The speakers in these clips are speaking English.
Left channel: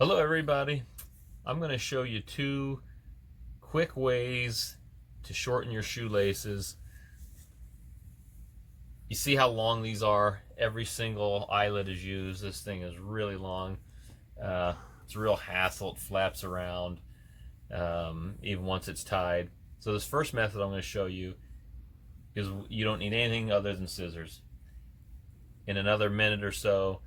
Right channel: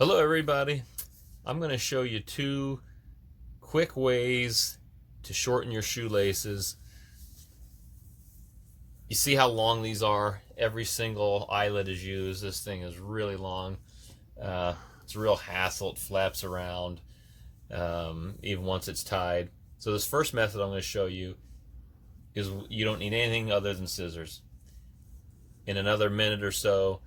Hello everybody. I'm going to show you two quick ways to shorten your shoelaces. You see how long these are? Every single eyelet is used. This thing is really long. It's a real hassle. It flaps around even once it's tied. So this first method I'm going to show you is you don't need anything other than scissors. In another minute or so,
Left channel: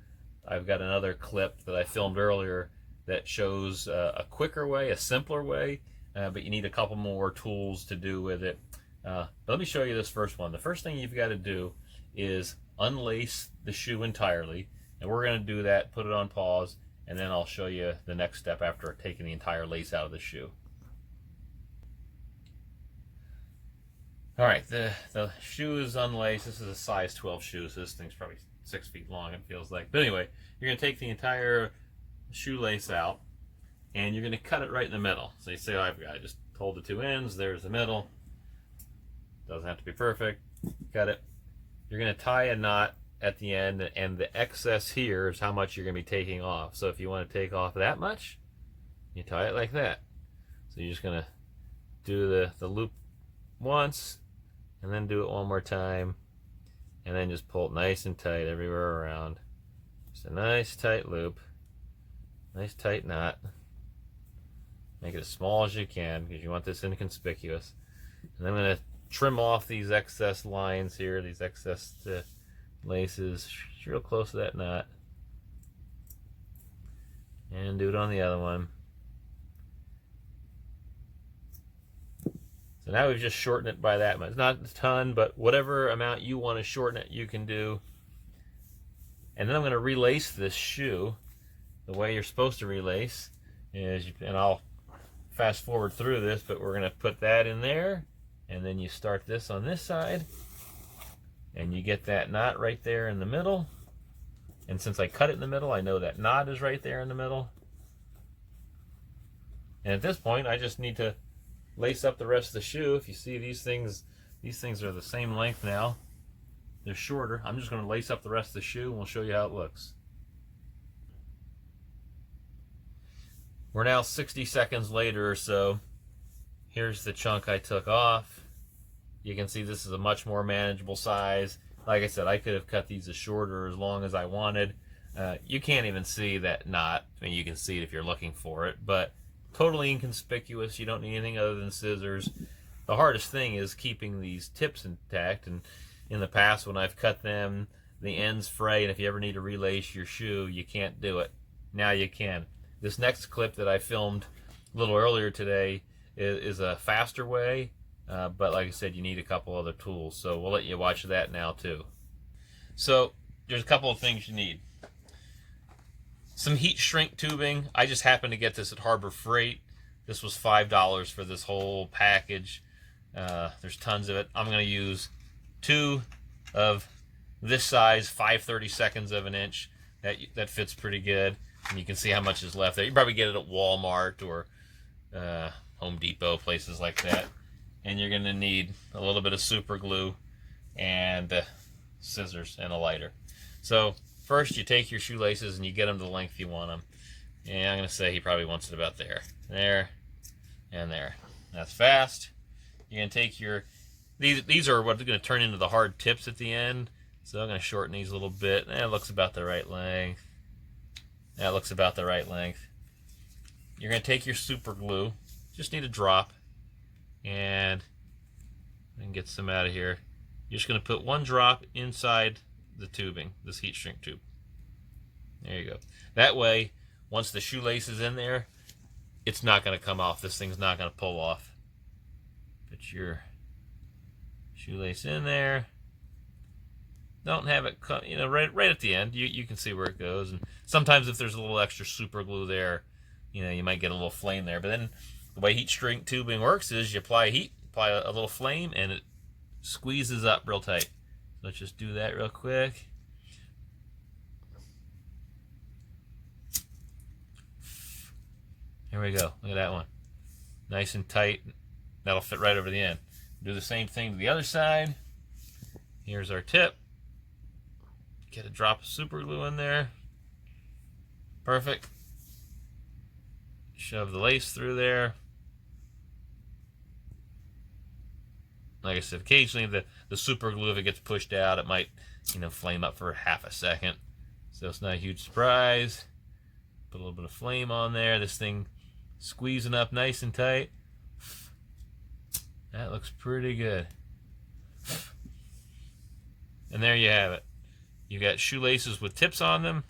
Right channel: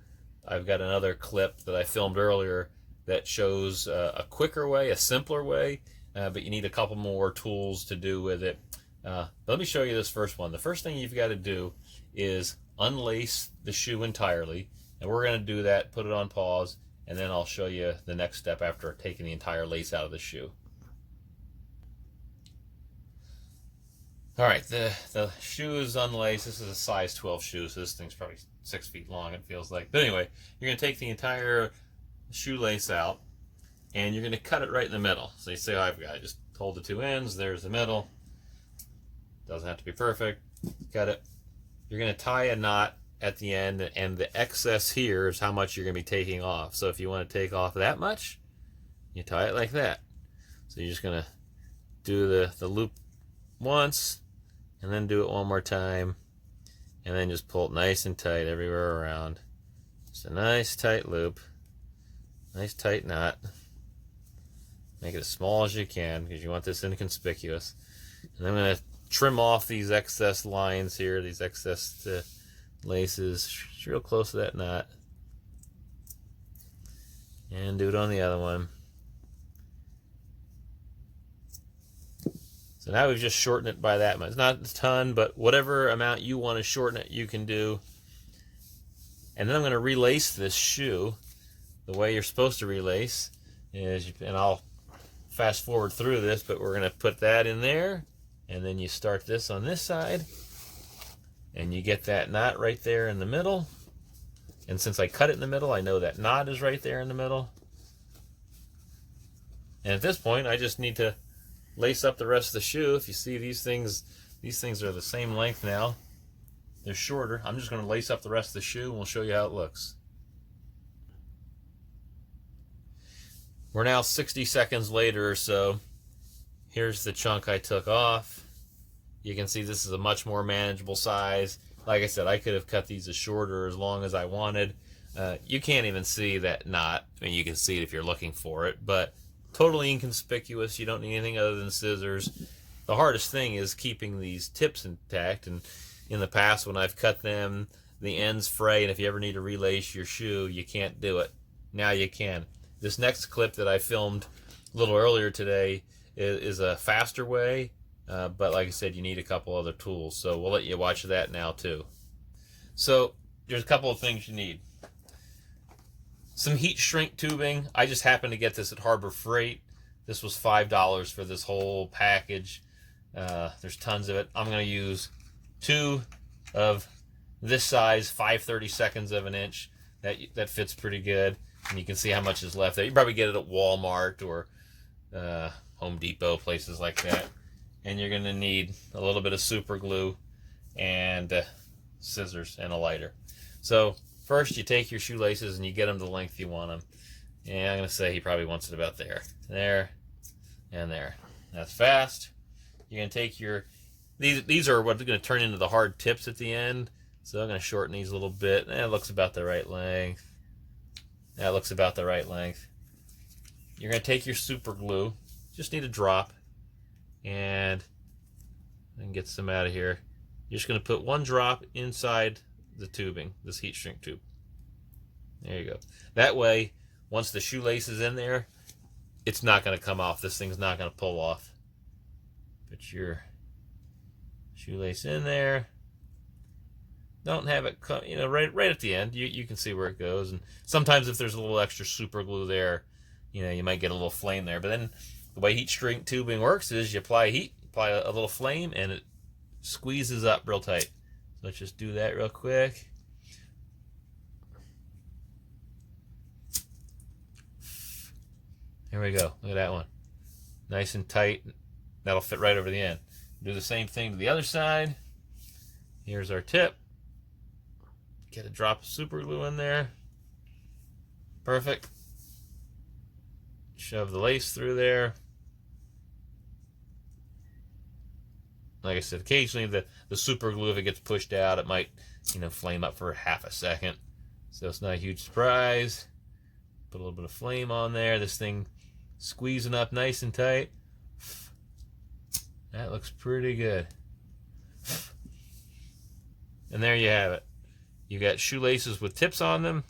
I've got another clip that I filmed earlier that shows a quicker way, a simpler way, but you need a couple more tools to do with it. But let me show you this first one. The first thing you've got to do is unlace the shoe entirely, and we're going to do that, put it on pause, and then I'll show you the next step after taking the entire lace out of the shoe. All right, the shoe is unlaced. This is a size 12 shoe, so this thing's probably 6 feet long, it feels like. But anyway, you're going to take the entire shoelace out, and you're going to cut it right in the middle. So you say, oh, I've got to just hold the two ends. There's the middle. Doesn't have to be perfect. Cut it. You're going to tie a knot at the end, and the excess here is how much you're going to be taking off. So if you want to take off that much, you tie it like that. So you're just going to do the loop once, and then do it one more time, and then just pull it nice and tight everywhere around. Just a nice tight loop, nice tight knot. Make it as small as you can because you want this inconspicuous. And I'm going to trim off these excess lines here, these excess laces, real close to that knot, and do it on the other one. So now we've just shortened it by that much. It's not a ton, but whatever amount you want to shorten it, you can do. And then I'm going to relace this shoe. The way you're supposed to relace is, and I'll fast forward through this, but we're going to put that in there, and then you start this on this side, and you get that knot right there in the middle. And since I cut it in the middle, I know that knot is right there in the middle. And at this point, I just need to lace up the rest of the shoe. If you see these things are the same length now. They're shorter. I'm just going to lace up the rest of the shoe, and we'll show you how it looks. We're now 60 seconds later or so. Here's the chunk I took off. You can see this is a much more manageable size. Like I said, I could have cut these as shorter or as long as I wanted. You can't even see that knot. I mean, you can see it if you're looking for it, but totally inconspicuous. You don't need anything other than scissors. The hardest thing is keeping these tips intact, and in the past when I've cut them, the ends fray, and if you ever need to relace your shoe, you can't do it. Now you can. This next clip that I filmed a little earlier today is a faster way, but like I said, you need a couple other tools, so we'll let you watch that now too. So there's a couple of things you need. Some heat shrink tubing. I just happened to get this at Harbor Freight. This was $5 for this whole package. There's tons of it. I'm going to use 2 of this size, 5/32 of an inch. That fits pretty good. And you can see how much is left there. You probably get it at Walmart or Home Depot, places like that. And you're going to need a little bit of super glue and scissors and a lighter. So first, you take your shoelaces and you get them the length you want them. And I'm going to say he probably wants it about there. There, and there. That's fast. You're going to take your... These are what's going to turn into the hard tips at the end. So I'm going to shorten these a little bit. That looks about the right length. That looks about the right length. You're going to take your super glue. Just need a drop. And get some out of here. You're just going to put 1 drop inside the tubing, this heat shrink tube. There you go. That way, once the shoelace is in there, it's not going to come off. This thing's not going to pull off. Put your shoelace in there. Don't have it, right at the end. You can see where it goes. And sometimes if there's a little extra super glue there, you might get a little flame there. But then the way heat shrink tubing works is you apply heat, apply a little flame, and it squeezes up real tight. So let's just do that real quick. There we go. Look at that one. Nice and tight. That'll fit right over the end. Do the same thing to the other side. Here's our tip. Get a drop of super glue in there. Perfect. Shove the lace through there. Like I said, occasionally the super glue, if it gets pushed out, it might, flame up for half a second. So it's not a huge surprise. Put a little bit of flame on there. This thing squeezing up nice and tight. That looks pretty good. And there you have it. You got shoelaces with tips on them.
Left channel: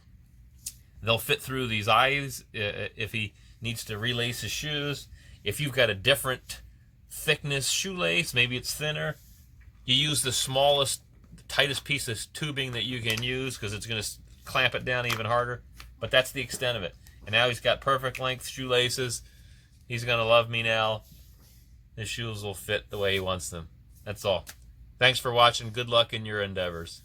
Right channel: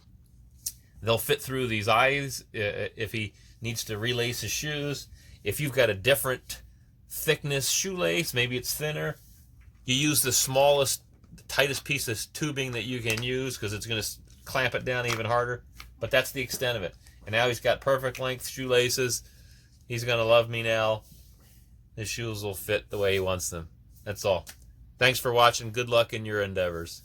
They'll fit through these eyes if he needs to relace his shoes. If you've got a different thickness shoelace, maybe it's thinner, you use the smallest, tightest piece of tubing that you can use, because it's going to clamp it down even harder. But that's the extent of it. And now he's got perfect length shoelaces. He's going to love me now. His shoes will fit the way he wants them. That's all. Thanks for watching. Good luck in your endeavors.